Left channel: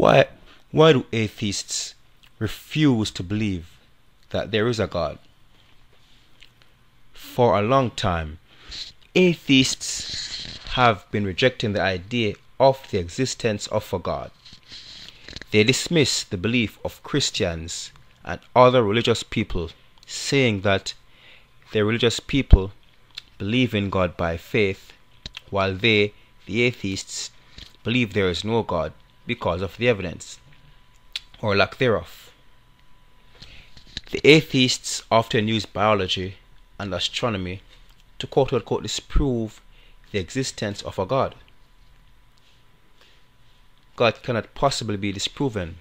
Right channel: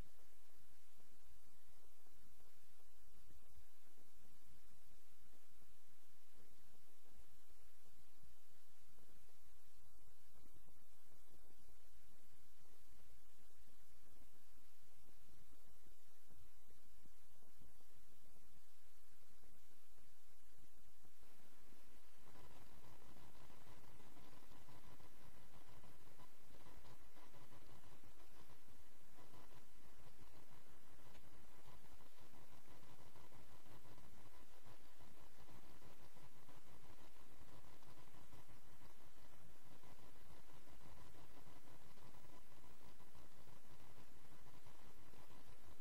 Why, why do atheists refuse to believe that there is a God? For a long time, atheists have been rejecting the idea of the existence of a God. They dismiss the belief of Christians and other religious people, saying that the religious people believe in God by faith, while they, the atheists, believe there is no God because of the evidence, or lack thereof. The atheists often use biology and astronomy to quote-unquote disprove the existence of a God. God cannot possibly be disproven,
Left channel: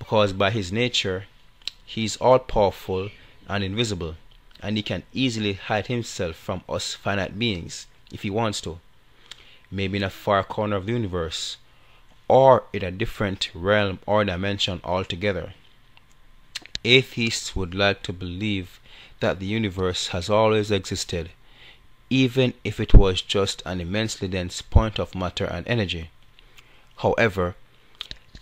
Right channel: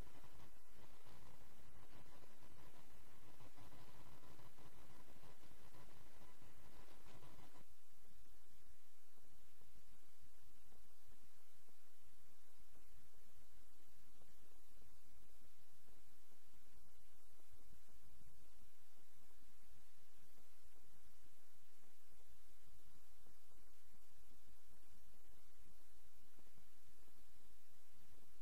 because by his nature he is all-powerful and invisible, and he can easily hide himself from us finite beings if he wants to, maybe in a far corner of the universe, or in a different realm or dimension altogether. Atheists would like to believe that the universe has always existed, even if it was just an immensely dense point of matter and energy. However,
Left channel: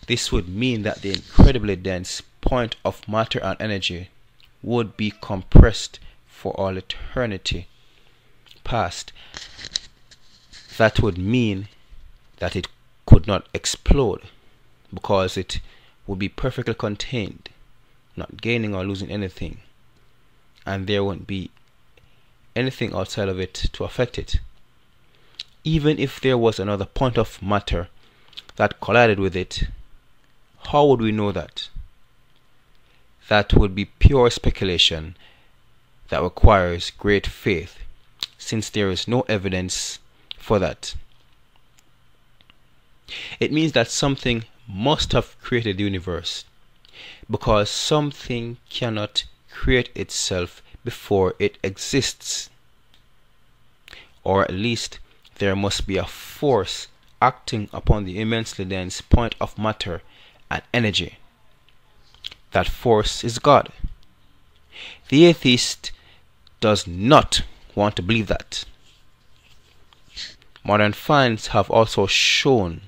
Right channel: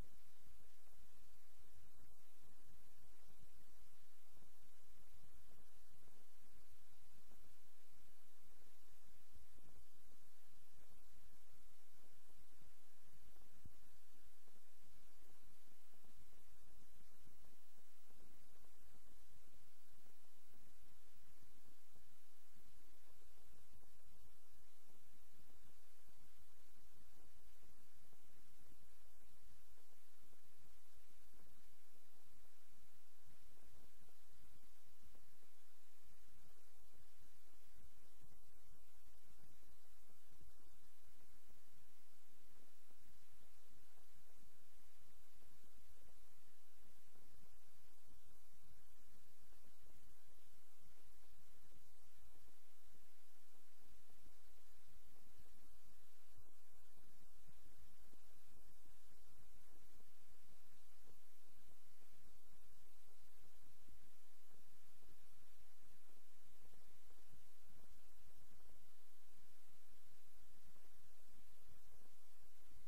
this would mean that the incredibly dense point of matter and energy would be compressed for all eternity past. That would mean that it could not explode, because it would be perfectly contained, not gaining or losing anything, and there won't be anything outside of it to affect it. Even if there was another point of matter that collided with it, how would we know that? That would be pure speculation that requires great faith, since there is no evidence for that. It means that something must have created the universe, because something cannot create itself before it exists. Or at least there must be a force acting upon the immensely dense point of matter and energy. That force is God. The atheist does not want to believe that. Modern science have also shown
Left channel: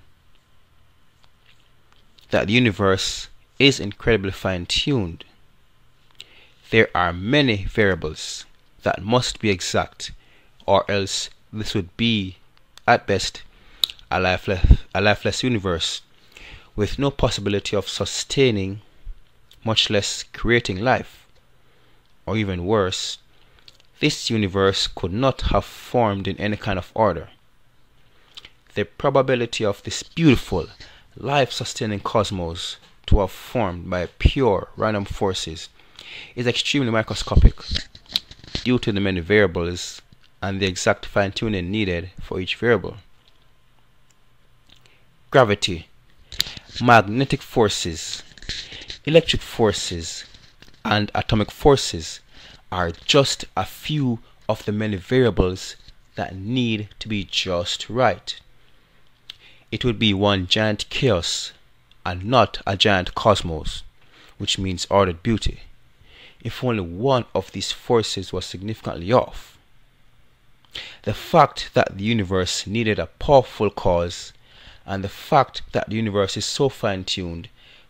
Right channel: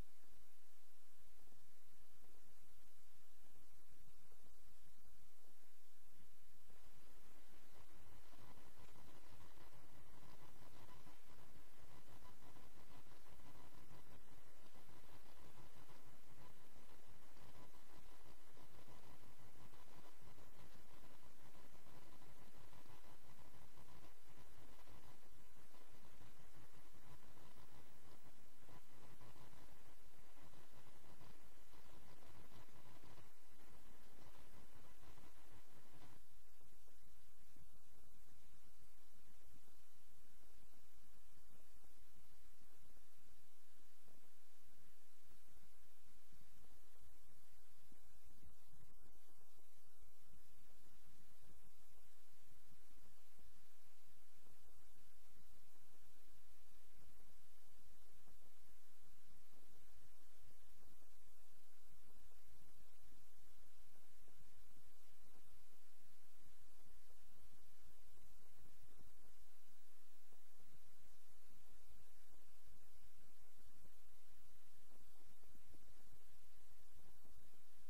that the universe is incredibly fine-tuned. There are many variables that must be exact, or else this would be, at best, a lifeless universe with no possibility of sustaining, much less creating life. Or even worse, this universe could not have formed in any kind of order. The probability of this beautiful, life-sustaining cosmos to have formed by pure random forces is extremely microscopic, due to the many variables and the exact fine-tuning needed for each variable. Gravity, magnetic forces, electric forces, and atomic forces are just a few of the many variables that need to be just right. It would be one giant chaos and not a giant cosmos, which means ordered beauty, if only one of these forces was significantly off. The fact that the universe needed a powerful cause, and the fact that the universe is so fine-tuned,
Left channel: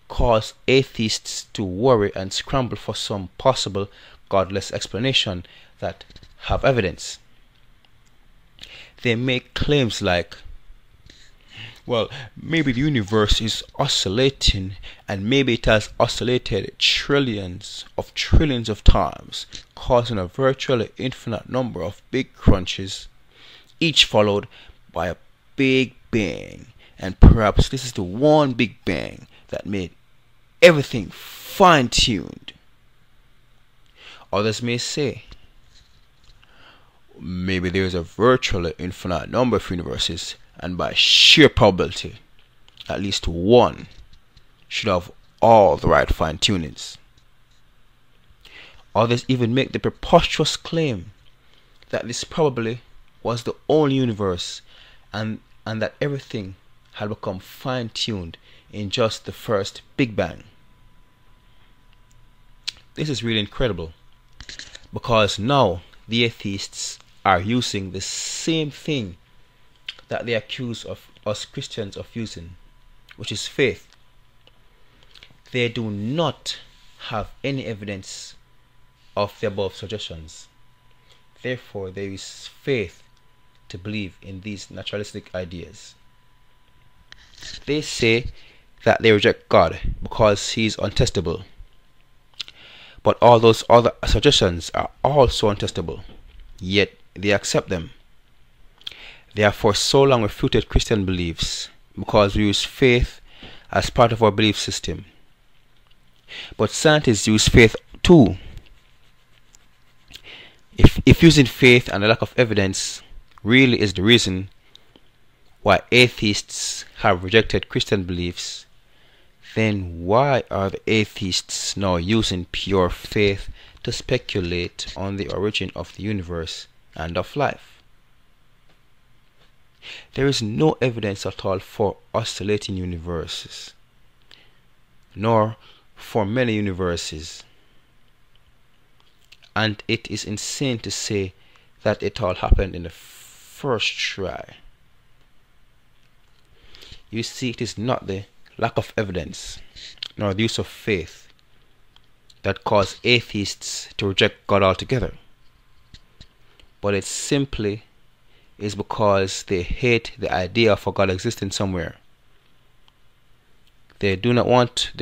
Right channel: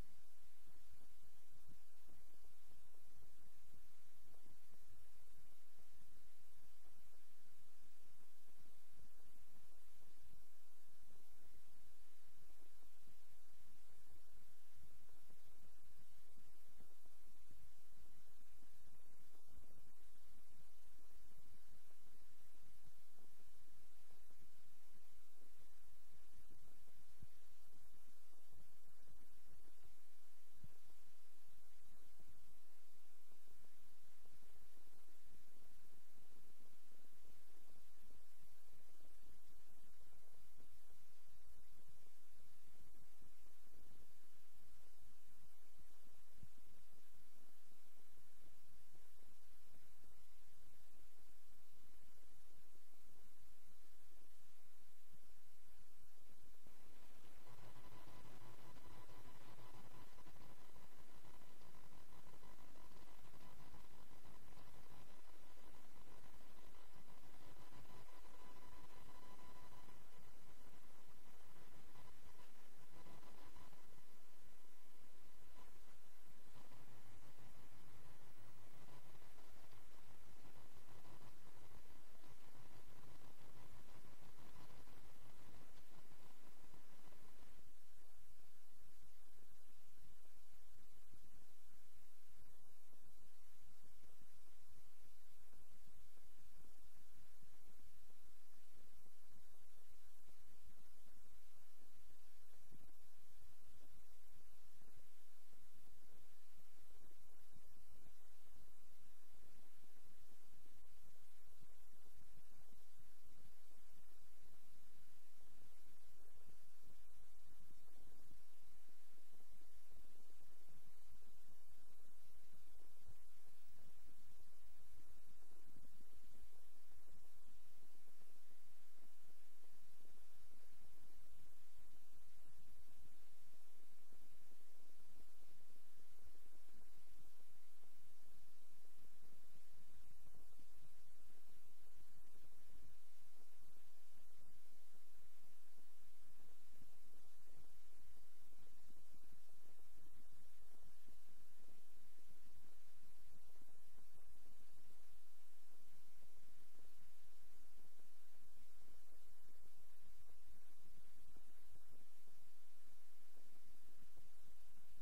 cause atheists to worry and scramble for some possible godless explanation that have evidence. They make claims like, well, maybe the universe is oscillating, and maybe it has oscillated trillions of times, causing a virtually infinite number of big crunches, each followed by a big bang, and perhaps this is the one big bang that made everything fine-tuned. Others may say, maybe there is a virtually infinite number of universes, and by sheer probability, at least one should have all the right fine-tunings. Others even make the preposterous claim that this probably was the only universe, and that everything had become fine-tuned in just the first Big Bang. This is really incredible, because now the atheists are using the same thing that they accuse of us Christians of using, which is faith, they do not have any evidence of the above suggestions. Therefore, there is faith to believe in these naturalistic ideas. They say that they reject God because he is untestable. But all those other suggestions are also untestable, yet they accept them. They have for so long refuted Christian beliefs because we use faith as part of our belief system. But scientists use faith too. If using faith and a lack of evidence really is the reason why atheists have rejected Christian beliefs, then why are the atheists now using pure faith to speculate on the origin of the universe and of life? There is no evidence at all for oscillating universes, nor for many universes, and it is insane to say that it all happened in the first try. You see, it is not the lack of evidence nor the use of faith that cause atheists to reject God altogether, but it simply is because they hate the idea of a God existing somewhere. They do not want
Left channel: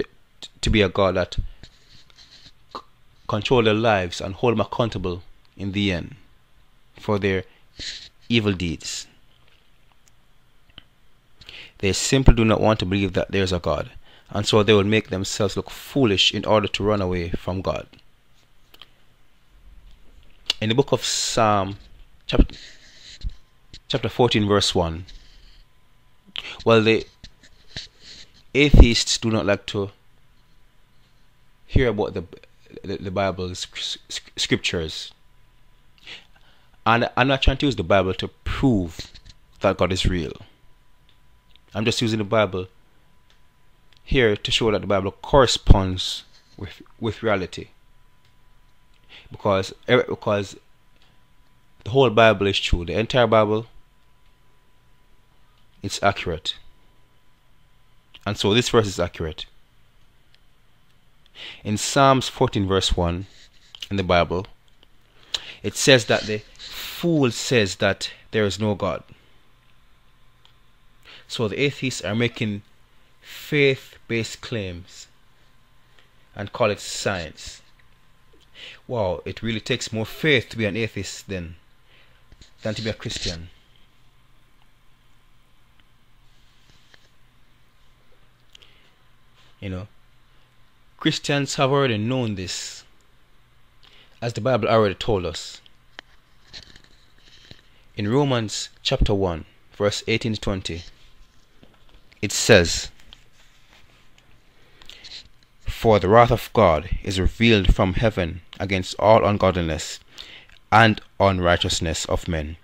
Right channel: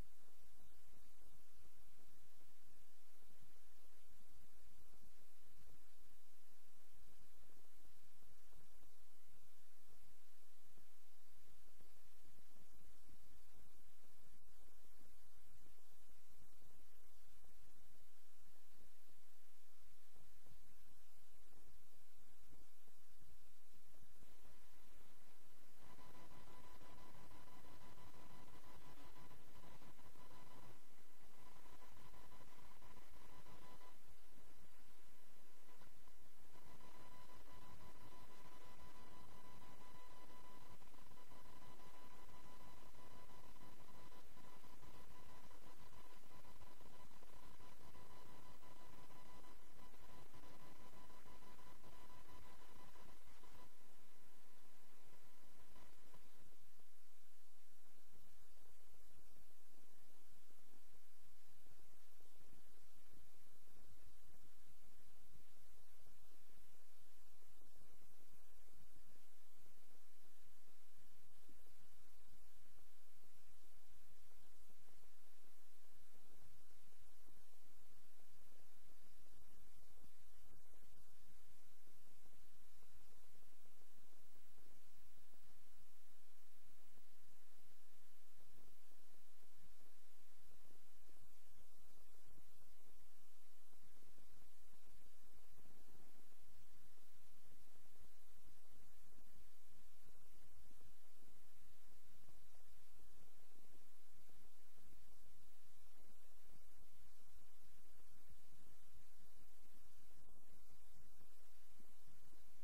to be a God that control their lives and hold them accountable in the end for their evil deeds. They simply do not want to believe that there is a God, and so they will make themselves look foolish in order to run away from God. In the book of Psalm, chapter 14, verse 1, well, the atheists do not like to hear about the Bible's scriptures. And I'm not trying to use the Bible to prove that God is real. I'm just using the Bible here to show that the Bible corresponds with reality. Because the whole Bible is true. The entire Bible, it's accurate. And so this verse is accurate. In Psalms 14 verse 1 in the Bible, it says that the fool says that there is no God. So the atheists are making faith-based claims and call it science. Wow, it really takes more faith to be an atheist than to be a Christian. You know, Christians have already known this, as the Bible already told us. In Romans chapter 1, verse 18 to 20, it says, "For the wrath of God is revealed from heaven against all ungodliness and unrighteousness of men,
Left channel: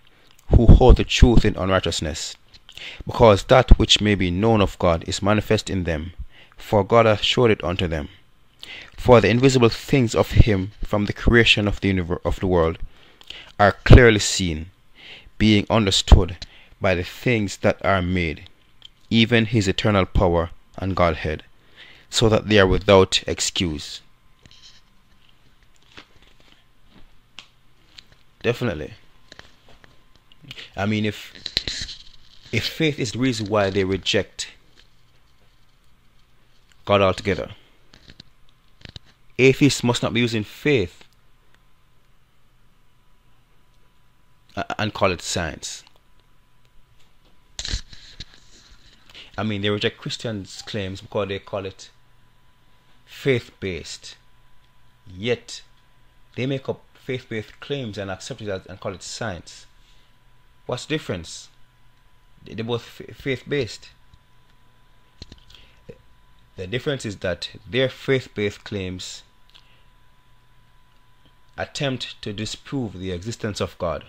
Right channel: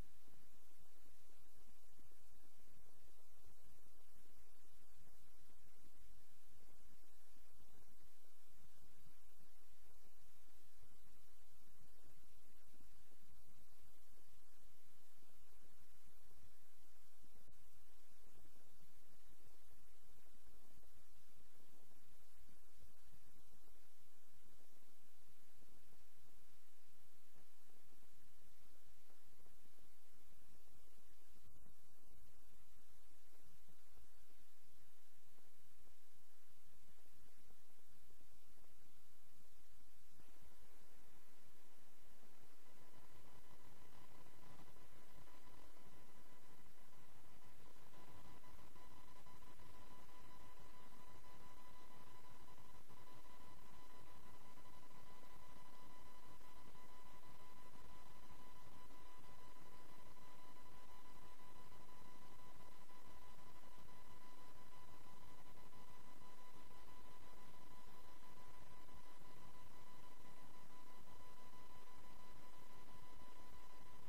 who hold the truth in unrighteousness, because that which may be known of God is manifest in them, for God hath showed it unto them. For the invisible things of him from the creation of the world are clearly seen, being understood by the things that are made, even his eternal power and Godhead, so that they are without excuse." Definitely. I mean, if faith is the reason why they reject God altogether, atheists must not be using faith and call it science. I mean, they reject Christians' claims because they call it faith-based. Yet, they make up faith-based claims and accept it and call it science. What's the difference? They're both faith-based. The difference is that their faith-based claims attempt to disprove the existence of God,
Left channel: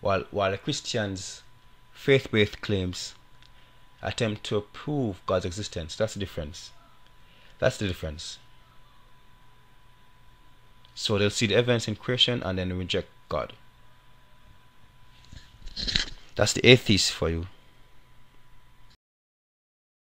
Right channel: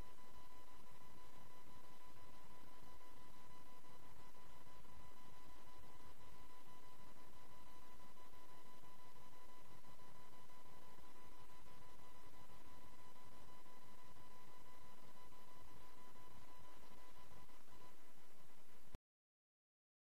while the Christians' faith-based claims attempt to prove God's existence. That's the difference. That's the difference. So they'll see the evidence in creation and then reject God. That's the atheist for you.